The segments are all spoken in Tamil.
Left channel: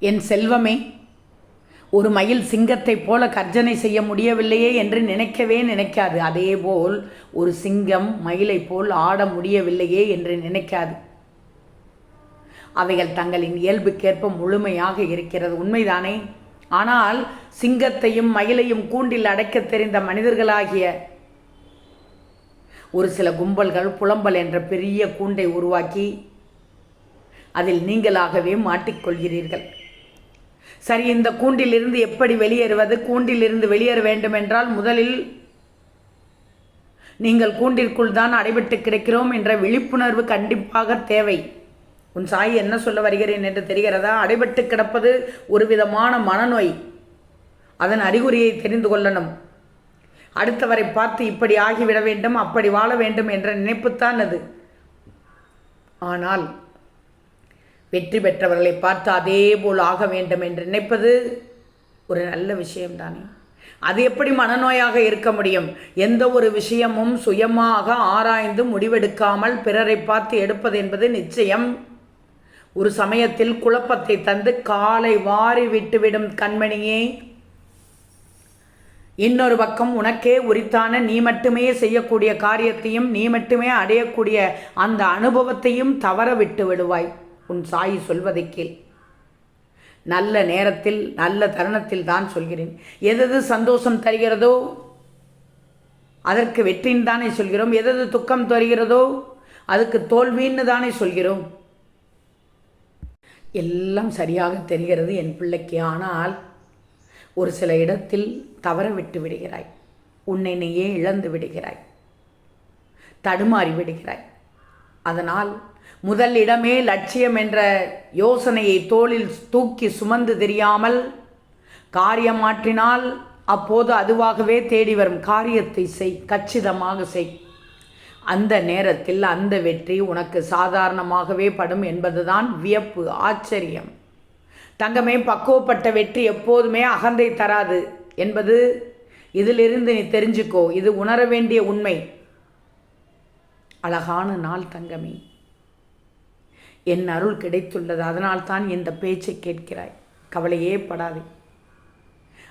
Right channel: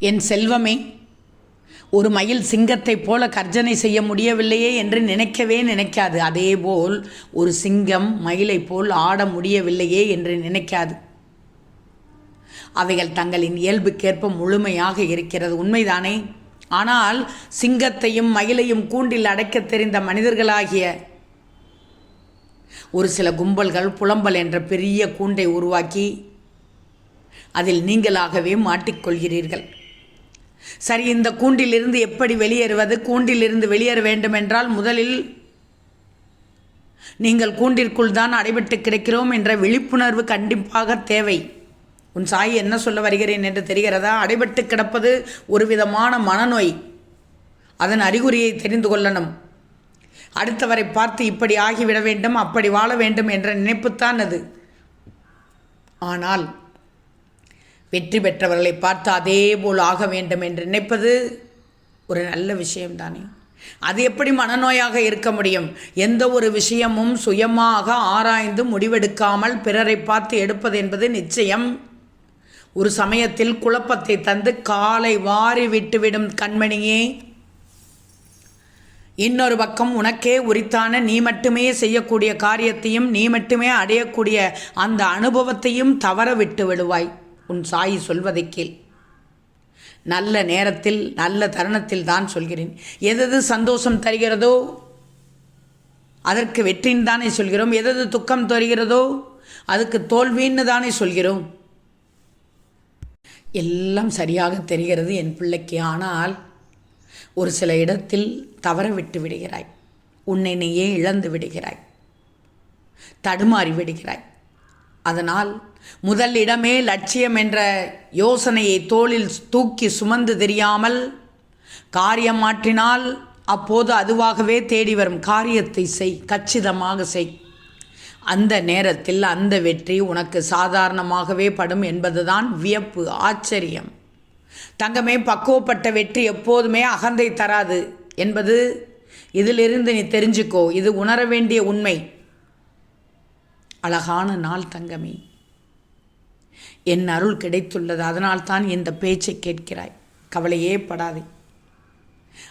என் செல்வமே ஒரு மயில் சிங்கத்தைப் போல கர்ஜனை செய்ய முடியவில்லையே என்று நினைக்கவே நினைக்காது. அதேபோல் ஒரு சிங்கம் மயிலைப் போல் ஆட முடியவில்லையே என்று நினைக்காது. அவைகள் தங்களின் இயல்புக்கேற்ப முழுமையாக இருக்கிறது. உண்மைதானே? ஆனால் சிங்கத்தையும் மயிலையும் கூண்டில் அடைக்கத் தெரிந்த மனிதர்களாகிய ஒரு சில கும்பல்கள் புலம்பல் என்ற பெரிய கூண்டை உருவாக்கி அதில் நீங்களாகவே மாட்டிக்கொள்கிறீர்கள். சரி இந்த கூண்டிலிருந்து எப்படி வெளியேறுவது? கூண்டிலிருந்து வெளியேற வேண்டும் என்றால் முதலில் நீங்கள் கூண்டிற்குள் தான் அடைபட்டு கிடக்கிறோம் என்ற விழிப்புணர்வு கண்டிப்பாக தேவை. உன் சாய் என்ன சொல்ல வருகிறேன் என்று தெரிகிறதா? அடைபட்டு கிடப்பது ஒரு விதமான மனநோய். அதன் அறிகுறியை தெரிந்து கொள்ளணும். அடுத்தவரை பார்த்து இப்படி ஆகிவிட வேண்டும் அப்படி வாழ வேண்டும் என்ற நினைப்புத்தான் அது. ஆனால் வெற்றி பெற்றவர்களை பார்த்து அதே போல் ஆக வேண்டும் என்று நினைப்பது ஒரு நல்ல விஷயம்தானே? அது எப்படி மனநோயாக இருக்க முடியும்? எந்த ஒரு விஷயமும் சுயமாக ஆராய்ந்து முடிவெடுக்காமல் பிறரை பார்த்து எடுப்பது என்பது நிச்சயம். ஒரு சமயத்தில் குழப்பத்தை தந்து காலை வாரி விட்டுவிடும் கண்மணியே. இன்னொரு பக்கம் உனக்கே உரித்தான நீ மட்டுமே செய்யக்கூடிய காரியத்தையும் நீ மட்டுமே அடையக்கூடிய அந்த அனுபவத்தையும் தவற விட்டு விடுவாய். உன் சாயி சொல்வதை கேள். நல்ல நேரத்தில் நல்ல தருணத்தில் தான் சொல்கிறேன். எதது சந்தோஷம் தருகிறதோ அதற்கு வெற்றின்னு தானே சொல்கிறோம். எதது துக்கம் தருகிறதோ அதுக்கு தோல்வின்னு தானே சொல்கிறோம். எல்லாம் சரியாக தெரிகிறது என் பிள்ளைக்கு. ஆனால் ஒரு சில இடத்தில் தவற விட்டு விடுகிறாய். உன்னை நீயே இழந்து விடுகிறாய். தடுமாறி விடுகிறாய். அதனால் முதல் இடமே லட்சியம் என்ற யோசனையை தோளில் தூக்கி சுமந்து தெரியாமல் காரியம் மாற்றினால் அப்போது அதுவாகவே தேடி வரும் காரியத்தை செய் கச்சிதமாக செய். அந்த நேரத்தில் அந்த வெற்றி உனக்கு சாதாரணமாகவே படும் என்பதுதான் வியப்பு ஆச்சரியம். தங்கமே பக்குவப்பட்ட வெற்றி எப்போதுமே அகந்தை தராது என்பது இதிலிருந்து நீ தெரிஞ்சுக்கோ. இது உணர வேண்டிய உண்மை. அழகான நாள் தங்கமே. என் அருள் கிடைத்துள்ளது அதனால்தான் இந்த பேச்சை கேட்கிறாய். கவலையே படாதே.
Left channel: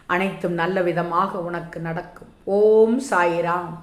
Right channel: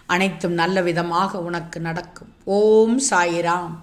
அனைத்தும் நல்ல விதமாக உனக்கு நடக்கும். ஓம் சாயிராம்.